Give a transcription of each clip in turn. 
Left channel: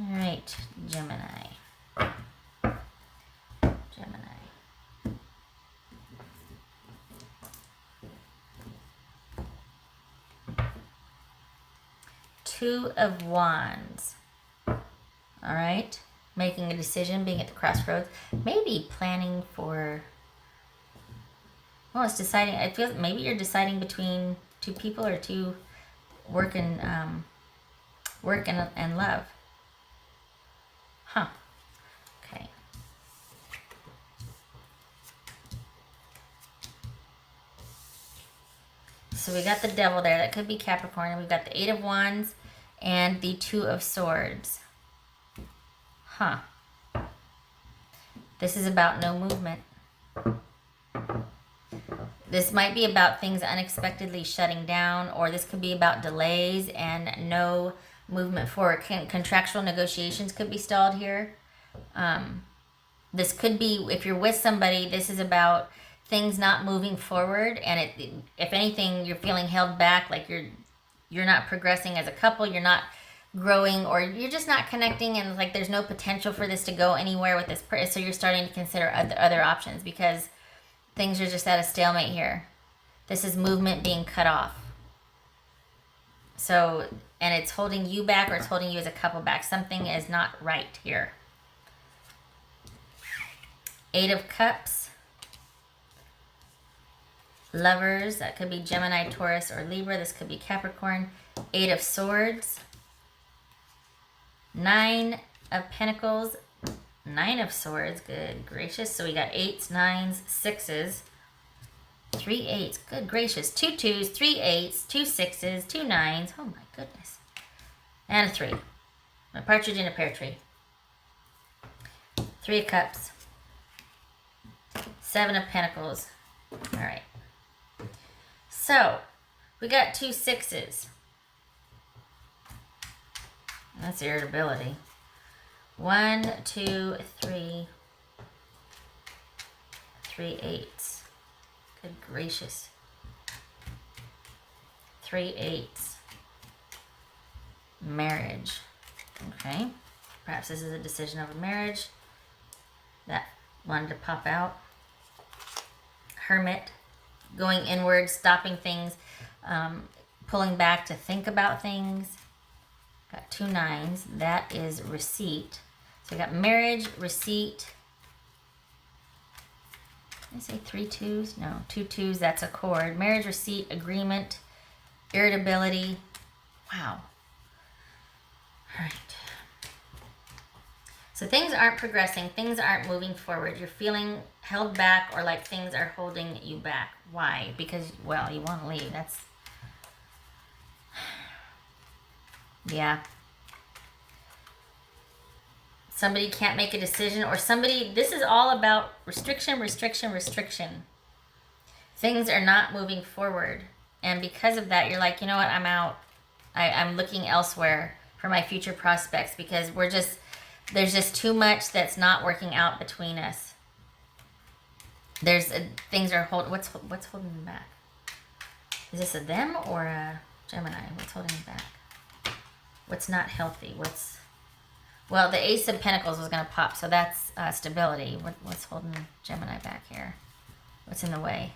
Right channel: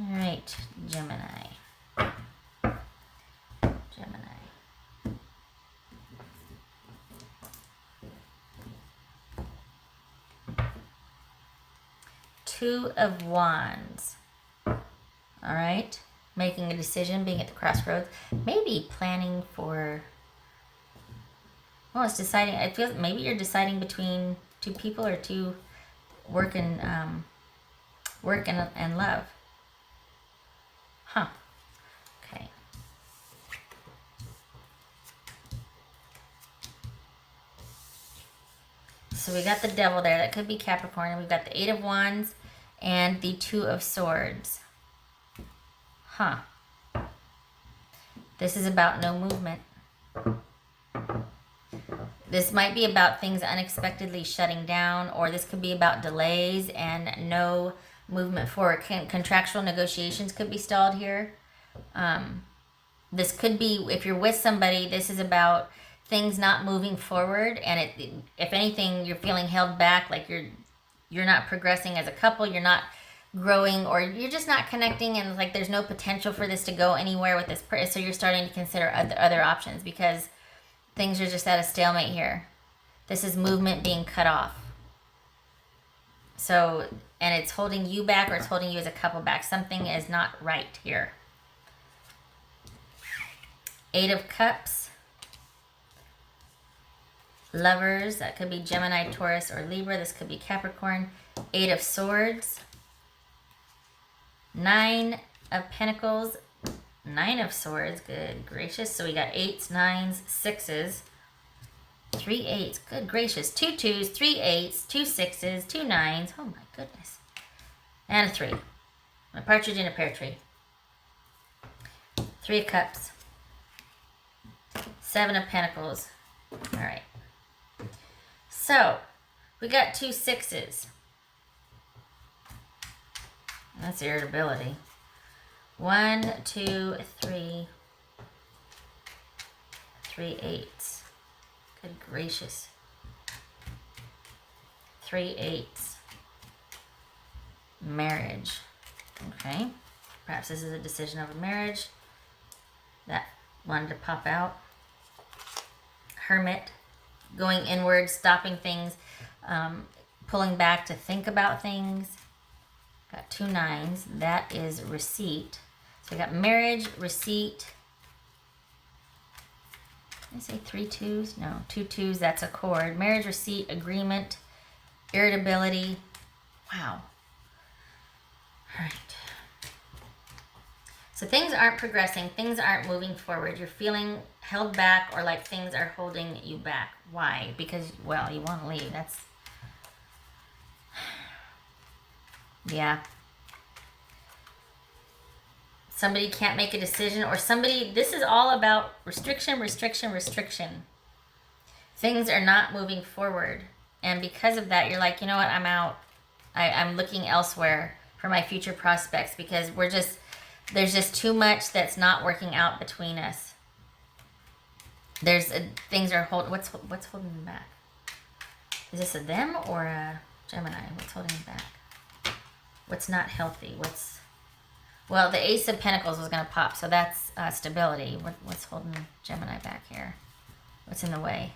All right, Gemini. Two of Wands. All right. Making a decision, being at the crossroads. Maybe planning for... Oh, it's deciding. I feel maybe you're deciding between two people or two work and love. Huh. Okay. So we got the Devil there. That could be Capricorn. We've got the Eight of Wands and the Two of Swords. Huh. This is about no movement. This might be about things unexpectedly shutting down, or this could be about delays and no movement forward. Contractual negotiations could be stalled here. This could be, if you're with somebody, this is about things not moving forward, and if anything, you're feeling held back, like you're not progressing as a couple, you're not growing, or you're just not connecting, and like there's no potential for this to go anywhere with this person. So you're starting to consider other options because things are just at a stalemate here. This is movement being cut off. So, and it's holding you back, or it's holding you as a couple back. Something is not right here. Eight of Cups. Lovers, that could be Gemini, Taurus, or Libra. This could be Capricorn. Eight of Swords. Nine of Pentacles. Nine of Swords. Good gracious. So we got eights, nines, sixes. Three eights. Good gracious. Two twos, three eights, two sixes, two nines. Oh my goodness. And a three. A partridge in a pear tree. Three of Cups. Seven of Pentacles. All right. So, we got two sixes. That's irritability. One, two, three. Three eights. Good gracious. Three eights. Marriage. Okay. Perhaps this is a decision over marriage. That wanted to pop out. Hermit. Going inward, stopping things, pulling back to think about things. Got two nines. That is receipt. So we got marriage, receipt. Did I say three twos? No, two twos. That's accord. Marriage, receipt, agreement, irritability. Wow. All right. So things aren't progressing. Things aren't moving forward. You're feeling held back, or like things are holding you back. Why? Because, well, you want to leave. That's... Yeah. Somebody can't make a decision, or somebody... This is all about restriction, restriction, restriction. Things are not moving forward. And because of that, you're like, you know what? I'm out. I'm looking elsewhere for my future prospects, because there's just too much that's not working out between us. There's things are what's holding them back? Is this a them or a Gemini? What's holding them back? What's not healthy? Well, the Ace of Pentacles is going to pop, so that's stability. What's holding Gemini back here? What's in the way?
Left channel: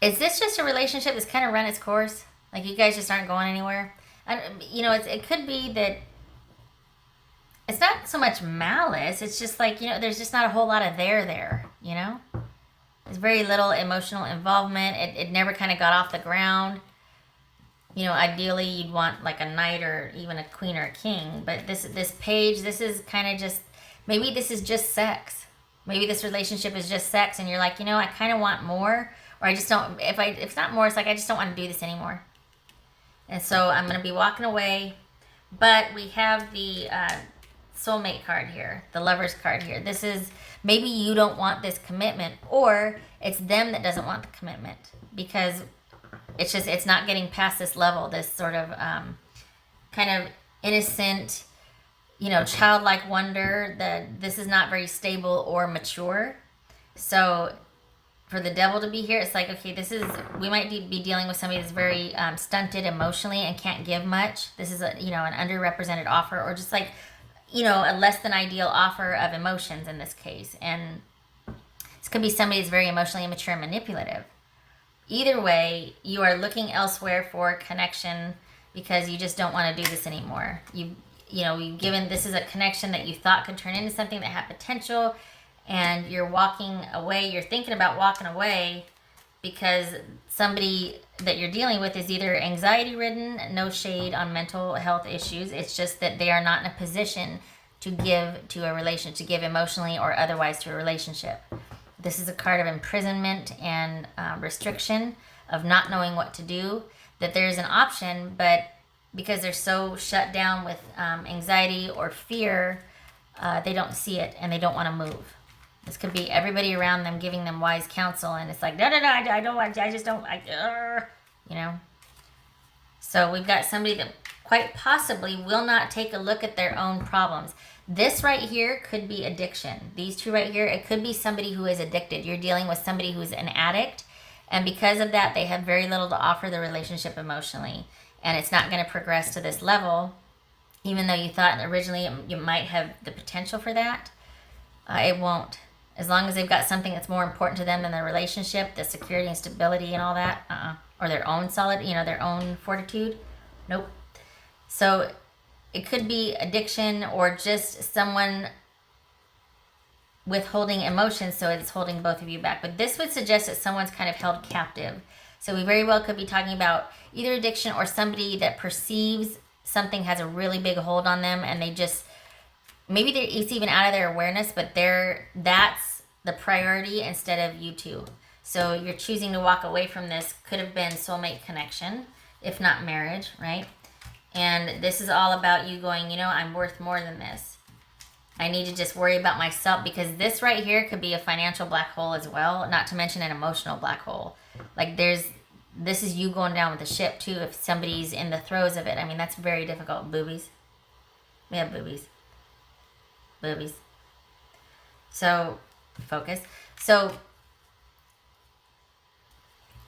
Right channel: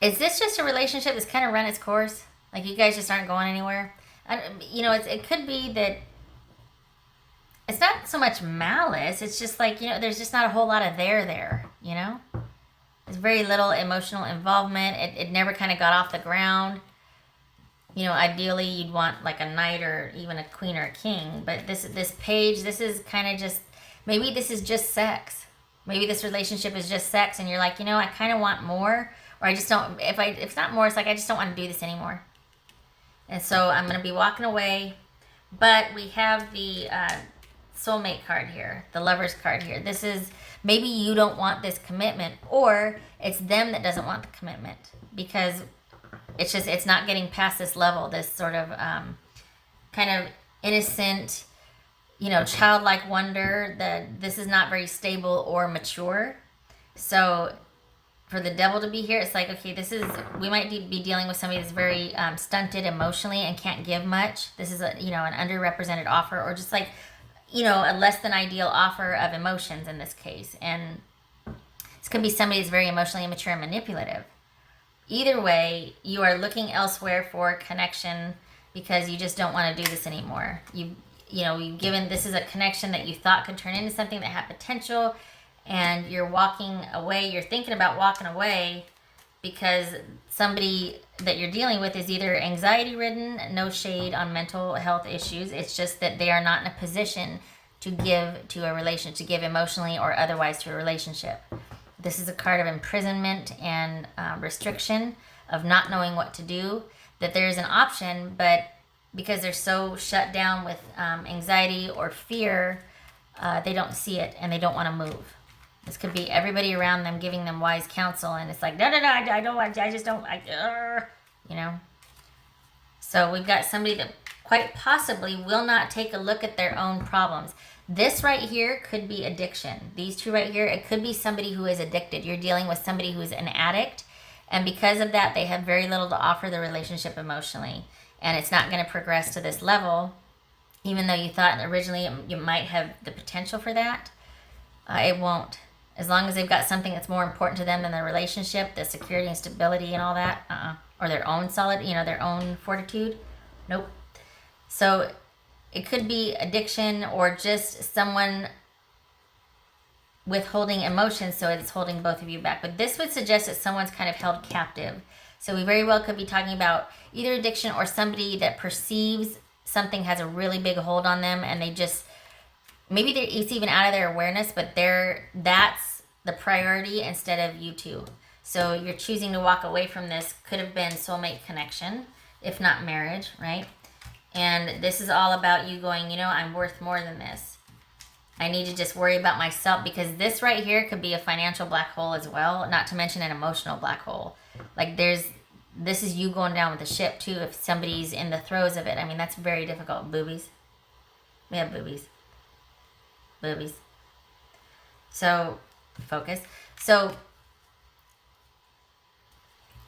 Is this just a relationship that's kind of run its course? Like you guys just aren't going anywhere? It could be that it's not so much malice. It's just like, there's just not a whole lot of there, There's very little emotional involvement. It never kind of got off the ground. Ideally you'd want like a knight or even a queen or a king. But this page, this is kind of just, maybe this is just sex. Maybe this relationship is just sex and you're like, I kind of want more. Or I just don't, if it's not more, it's like, I just don't want to do this anymore. And so I'm going to be walking away. But we have the soulmate card here, the Lovers card here. This is, maybe you don't want this commitment, or it's them that doesn't want the commitment, because it's not getting past this level, this sort of kind of innocent, childlike wonder that this is not very stable or mature. So for the devil to be here, it's like, okay, we might be dealing with somebody that's very stunted emotionally and can't give much. This is an underrepresented offer, or just like, a less than ideal offer of emotions in this case. And this could be somebody that's very emotionally immature and manipulative. Either way, you are looking elsewhere for connection because you just don't want to do this anymore. You've given, this is a connection that you thought could turn into something that had potential, and you're walking away. You're thinking about walking away because somebody that you're dealing with is either anxiety ridden, no shade on mental health issues. It's just that they are not in a position to give to a relationship, to give emotionally or otherwise to a relationship. This is a card of imprisonment and restriction, of not knowing what to do, that there's an option, but because they're so shut down with anxiety or fear, they don't see it and they don't want to move. This could be everybody around them giving them wise counsel, and it's like, no, I just don't, So we've got somebody that quite possibly will not take a look at their own problems. This right here could be addiction. These two right here, it could be somebody who is addicted. You're dealing with somebody who's an addict, and because of that, they have very little to offer the relationship emotionally, and it's not going to progress to this level, even though you thought originally you might have the potential for that. It won't. As long as they've got something that's more important to them than their relationship, the security and stability and all that, or their own their own fortitude, nope. So it could be addiction or just someone withholding emotions, so it's holding both of you back. But this would suggest that someone's kind of held captive. So we very well could be talking about either addiction or somebody that perceives something has a really big hold on them, and they just, maybe it's even out of their awareness, but that's the priority instead of you two. So you're choosing to walk away from this. Could have been soulmate connection, if not marriage, right? And this is all about you going, I'm worth more than this. I need to just worry about myself, because this right here could be a financial black hole as well, not to mention an emotional black hole. Like this is you going down with the ship too, if somebody's in the throes of it. I mean, that's very difficult. Boobies. We have boobies. Boobies. So, focus. So,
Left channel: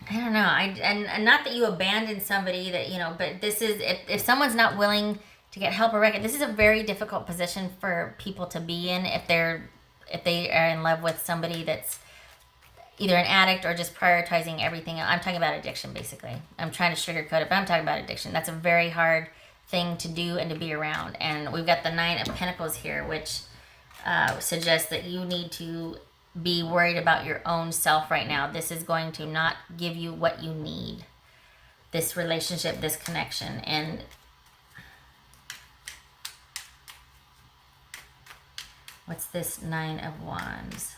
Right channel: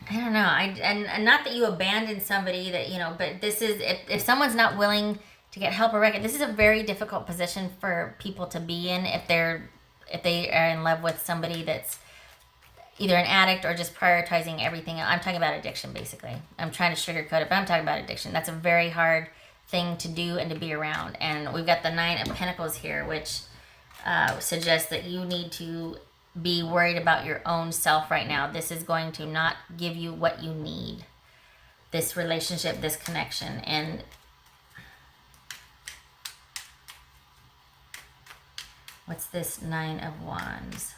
I don't know. And not that you abandon somebody that, but this is, if someone's not willing to get help or record, this is a very difficult position for people to be in if they are in love with somebody that's either an addict or just prioritizing everything. I'm talking about addiction, basically. I'm trying to sugarcoat it, but I'm talking about addiction. That's a very hard thing to do and to be around. And we've got the Nine of Pentacles here, which suggests that you need to be worried about your own self right now. This is going to not give you what you need. This relationship, this connection. And what's this Nine of Wands?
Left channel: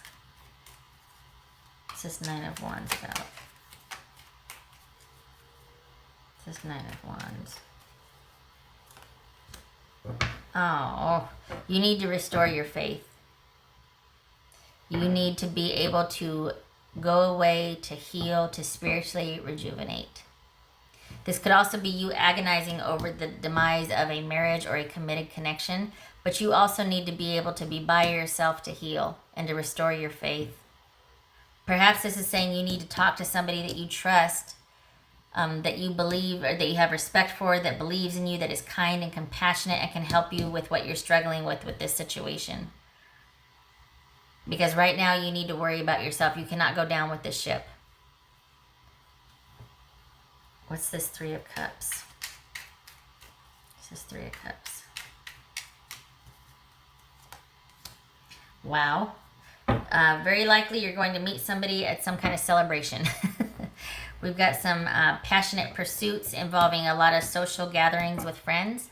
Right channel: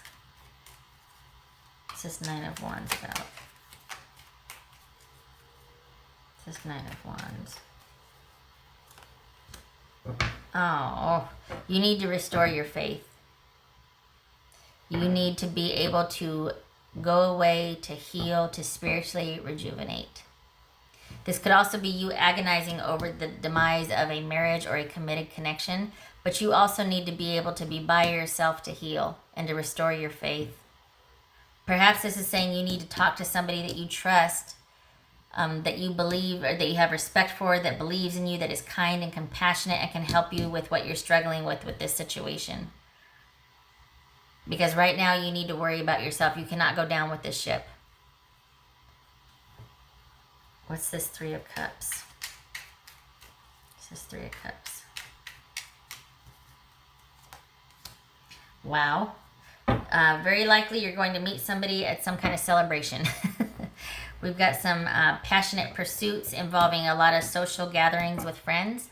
What's this Nine of Wands about? What's this Nine of Wands? Oh, you need to restore your faith. You need to be able to go away, to heal, to spiritually rejuvenate. This could also be you agonizing over the demise of a marriage or a committed connection, but you also need to be able to be by yourself to heal and to restore your faith. Perhaps this is saying you need to talk to somebody that you trust, that you believe or that you have respect for, that believes in you, that is kind and compassionate and can help you with what you're struggling with this situation. Because right now you need to worry about yourself. You cannot go down with this ship. What's this Three of Cups? What's this Three of Cups? Wow. Very likely you're going to meet somebody at some kind of celebration. We've got some passionate pursuits involving a lot of social gatherings with friends.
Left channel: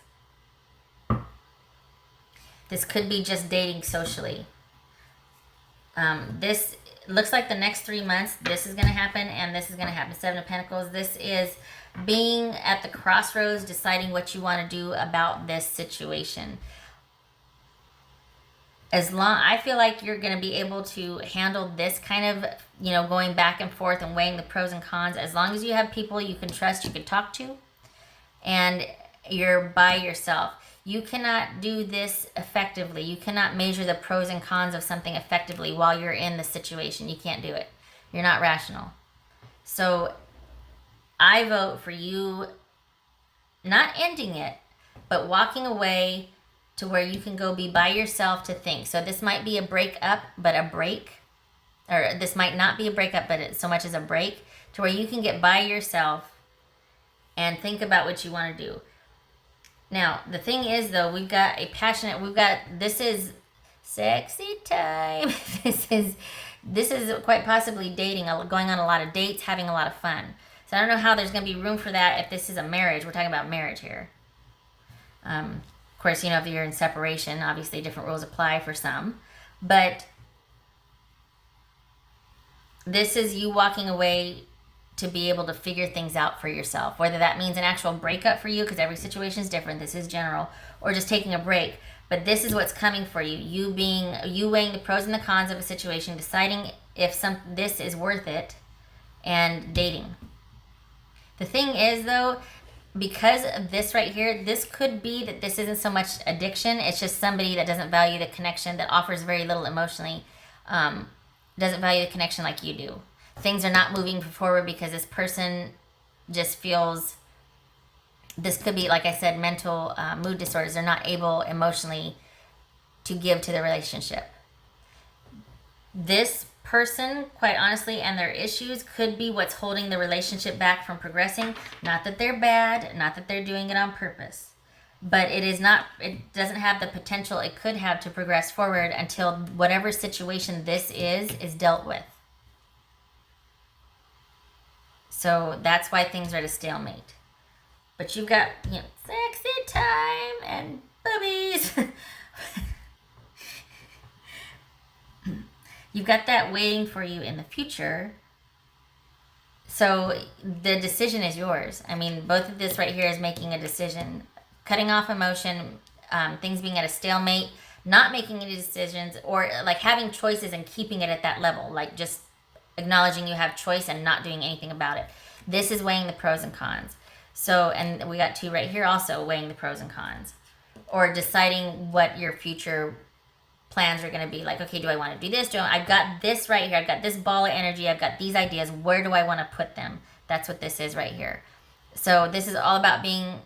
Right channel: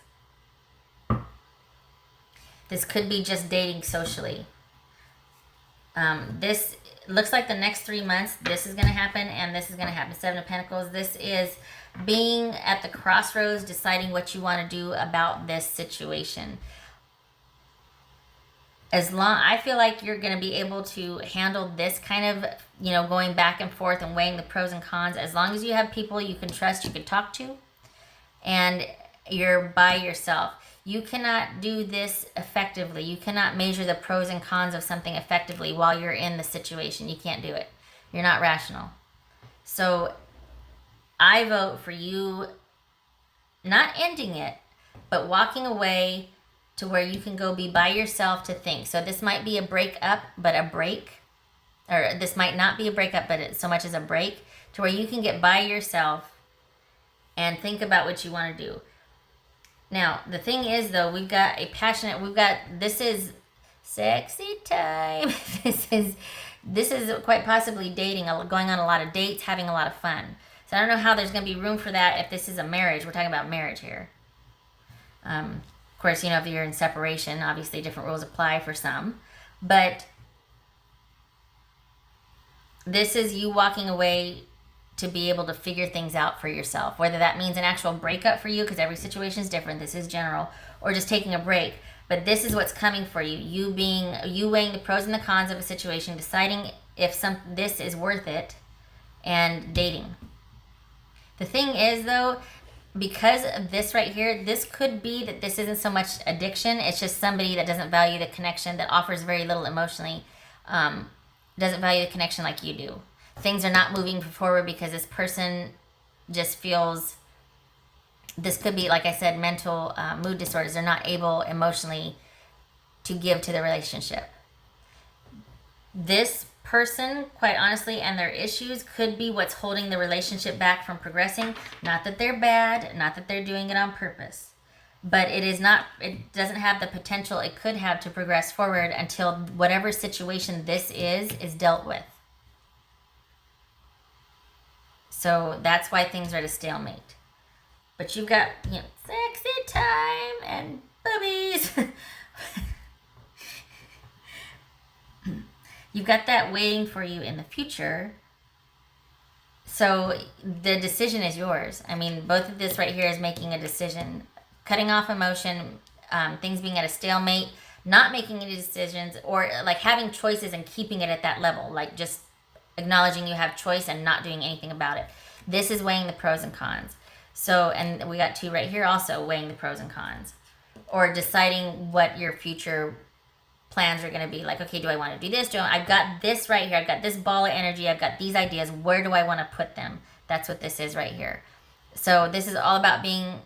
This could be just dating socially. This looks like the next 3 months, this is going to happen and this is going to happen. Seven of Pentacles. This is being at the crossroads, deciding what you want to do about this situation. I feel like you're going to be able to handle this kind of, going back and forth and weighing the pros and cons, as long as you have people you can trust, you can talk to, and you're by yourself. You cannot do this effectively. You cannot measure the pros and cons of something effectively while you're in the situation. You can't do it. You're not rational. So I vote for you not ending it, but walking away to where you can go be by yourself to think. So this might be a breakup, but a break. Or this might not be a breakup, but it's so much as a break to where you can get by yourself and think about what you want to do. Now, the thing is, though, this is sexy time. This is quite possibly dating, going on a lot of dates, having a lot of fun. So I don't know how there's going to be room for that if this is a marriage. We're talking about marriage here. Of course, if you're in separation, obviously different rules apply for some. But this is you walking away to be able to figure things out for yourself. Whether that means an actual breakup for you, because every situation is different. This is general. Or just taking a break. But this is what's coming for you. You weighing the pros and the cons of a situation, deciding if this is worth it, and dating. The thing is, though, because of this right here, this could be that this isn't so much addiction. It's just somebody that doesn't value the connection, that offers very little emotionally, doesn't value the connection like you do. Things are not moving forward because this person just feels, this could be, like I said, mental mood disorders. They're not able emotionally to give to the relationship. This person, quite honestly, and their issues could be what's holding the relationship back from progressing. Not that they're bad, not that they're doing it on purpose, but it doesn't have the potential it could have to progress forward until whatever situation this is dealt with. So that's why things are at a stalemate. But you've got, sexy time and boobies. You've got that waiting for you in the future. So the decision is yours. I mean, both of this right here is making a decision. Cutting off emotion, things being at a stalemate, not making any decisions, or like having choices and keeping it at that level. Like just acknowledging you have choice and not doing anything about it. This is weighing the pros and cons. So, and we got two right here also weighing the pros and cons. Or deciding what your future plans are going to be. Like, okay, do I want to do this? I've got this right here. I've got this ball of energy. I've got these ideas. Where do I want to put them? That's what this is right here. So this is all about being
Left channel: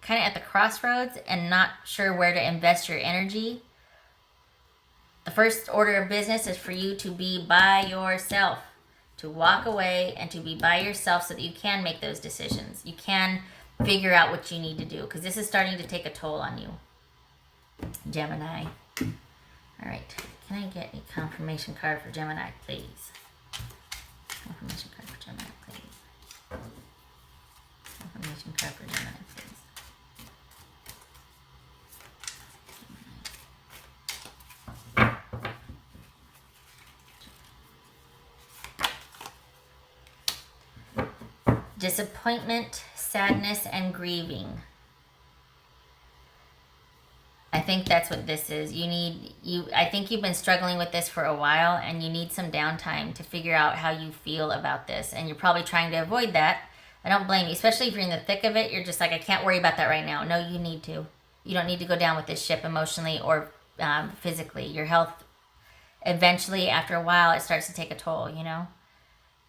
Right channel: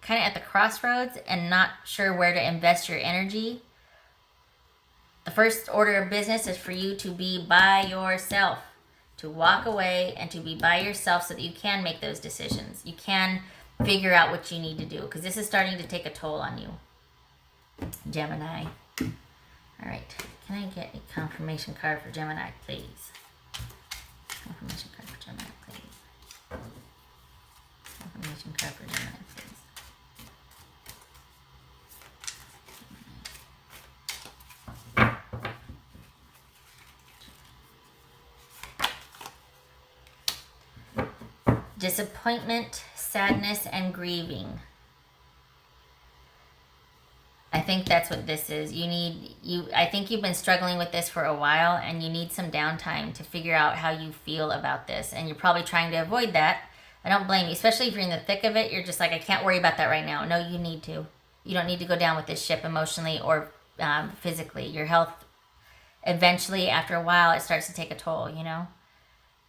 kind of at the crossroads and not sure where to invest your energy. The first order of business is for you to be by yourself, to walk away and to be by yourself so that you can make those decisions. You can figure out what you need to do, because this is starting to take a toll on you, Gemini. All right, can I get a confirmation card for Gemini, please? Confirmation card for Gemini, please. Confirmation card for Gemini, please. Disappointment, sadness, and grieving. I think that's what this is. I think you've been struggling with this for a while, and you need some downtime to figure out how you feel about this. And you're probably trying to avoid that. I don't blame you, especially if you're in the thick of it. You're just like, I can't worry about that right now. No, you need to. You don't need to go down with this ship emotionally or physically. Your health, eventually, after a while, it starts to take a toll,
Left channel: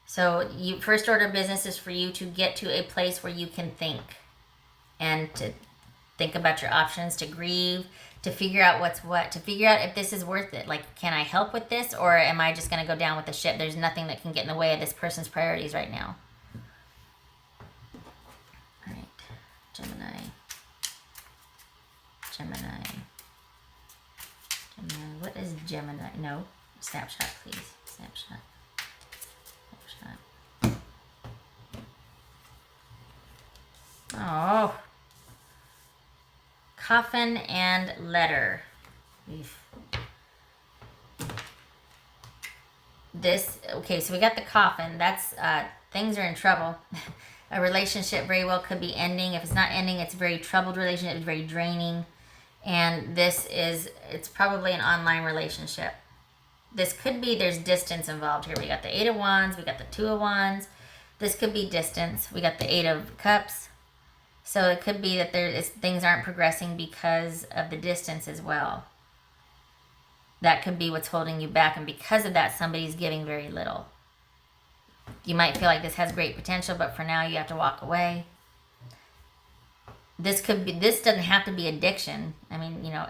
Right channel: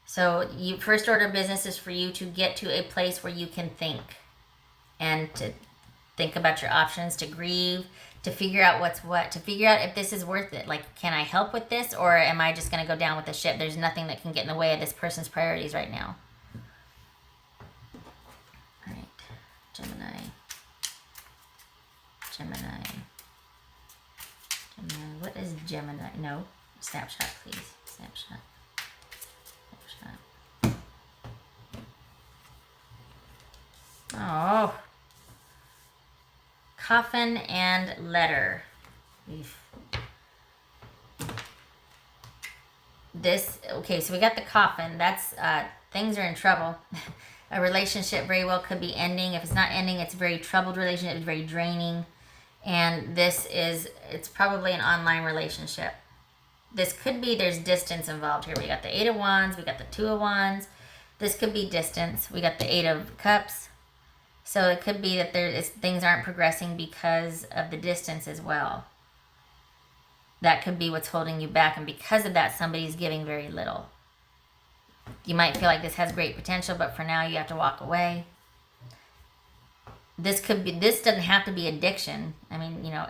So first order of business is for you to get to a place where you can think and to think about your options, to grieve, to figure out what's what, to figure out if this is worth it. Like, can I help with this, or am I just going to go down with the ship? There's nothing that can get in the way of this person's priorities right now. All right, Gemini. What is Gemini? No, snapshot, please. Snapshot. Oh. Coffin and letter. Okay, so we got the coffin. That's, things are in trouble. A relationship very well could be ending. If it's not ending, it's a very troubled relationship. It's very draining. And it's probably an online relationship. This could be, there's distance involved here. We got the 8 of Wands. We got the 2 of Wands. This could be distance. We got the 8 of Cups. So it could be that things aren't progressing because of the distance as well. That could be what's holding you back. And because of that, somebody's giving very little. You might feel like this has great potential, but for now you have to walk away. This doesn't have to be addiction. I mean, you know,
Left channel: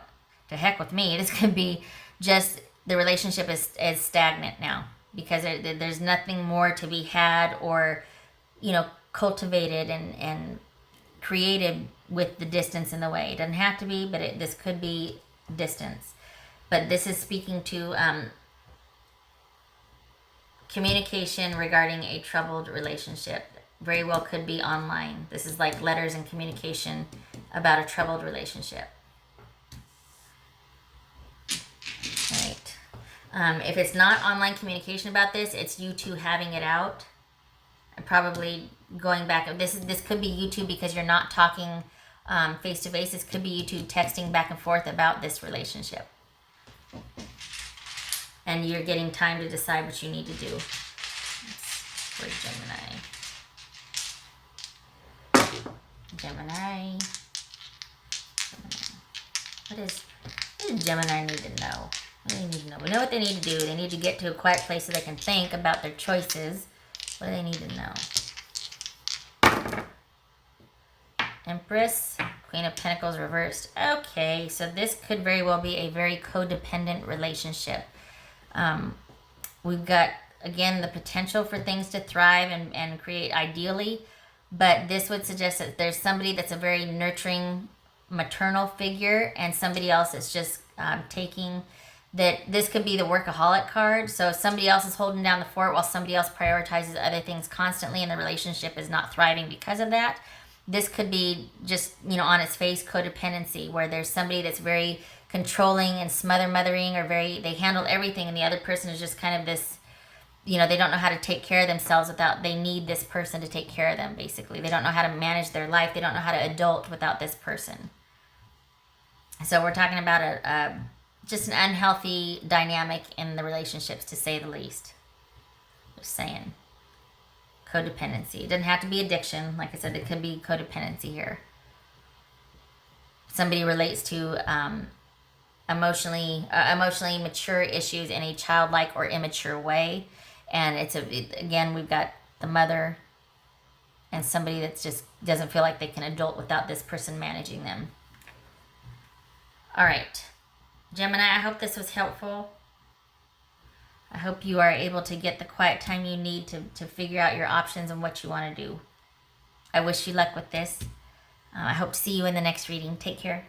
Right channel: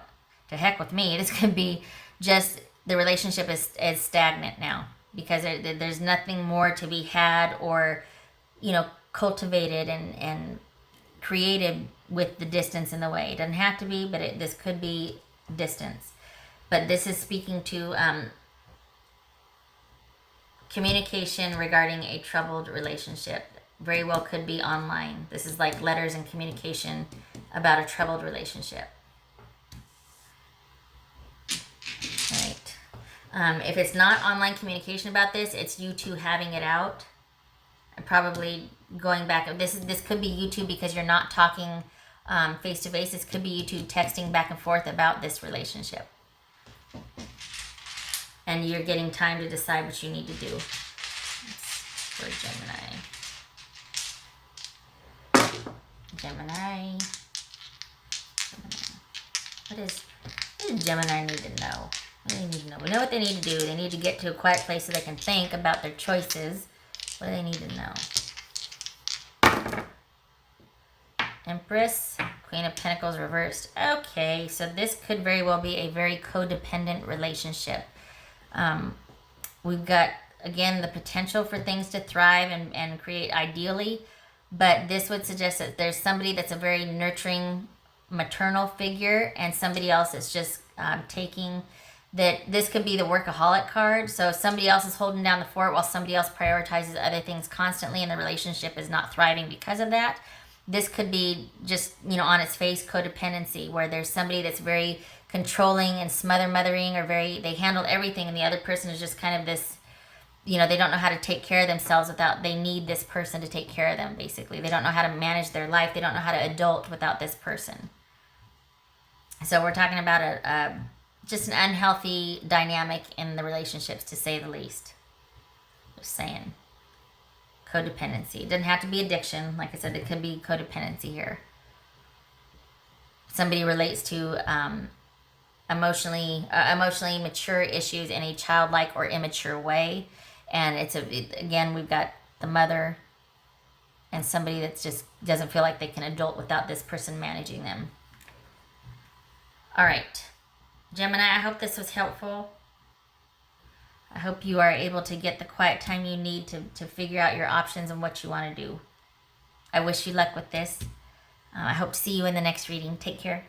to heck with me. This could be just the relationship is stagnant now because there's nothing more to be had or, you know, cultivated and created with the distance in the way. It doesn't have to be, but this could be distance. But this is speaking to communication regarding a troubled relationship. Very well could be online. This is like letters and communication about a troubled relationship. Right. If it's not online communication about this, it's you two having it out. And probably going back. This could be you two because you're not talking face to face. This could be you two texting back and forth about this relationship. And you're getting time to decide what you need to do. Gemini. Gemini. What does Gemini need to know? What do they need to know? We know what they need to do. They need to get to a quiet place so they can think about their choices. What do they need to know? Empress, Queen of Pentacles reversed. Okay, so this could very well be a very codependent relationship. We've got, again, the potential for things to thrive and create ideally, but this would suggest that there's somebody that's a very nurturing maternal figure and somebody else that's just taking that. This could be the workaholic card. So somebody else is holding down the fort while somebody else prioritizes other things constantly and the relationship is not thriving because of that. This could be just, you know, on its face codependency where there's somebody that's very controlling and mothering or they handle everything and the other person is just kind of this, you know, they don't know how to take care of themselves they need this person to take care of them, basically. They don't know how to manage their life. They don't know how to adult without this person. So we're talking about just an unhealthy dynamic in the relationships, to say the least. Just saying. Codependency. It doesn't have to be addiction. Like I said, it could be codependency here. Somebody relates to emotionally mature issues in a childlike or immature way. And again, we've got the mother and somebody that just doesn't feel like they can adult without this person managing them. All right. Gemini, I hope this was helpful. I hope you are able to get the quiet time you need to figure out your options and what you want to do. I wish you luck with this. I hope to see you in the next reading. Take care.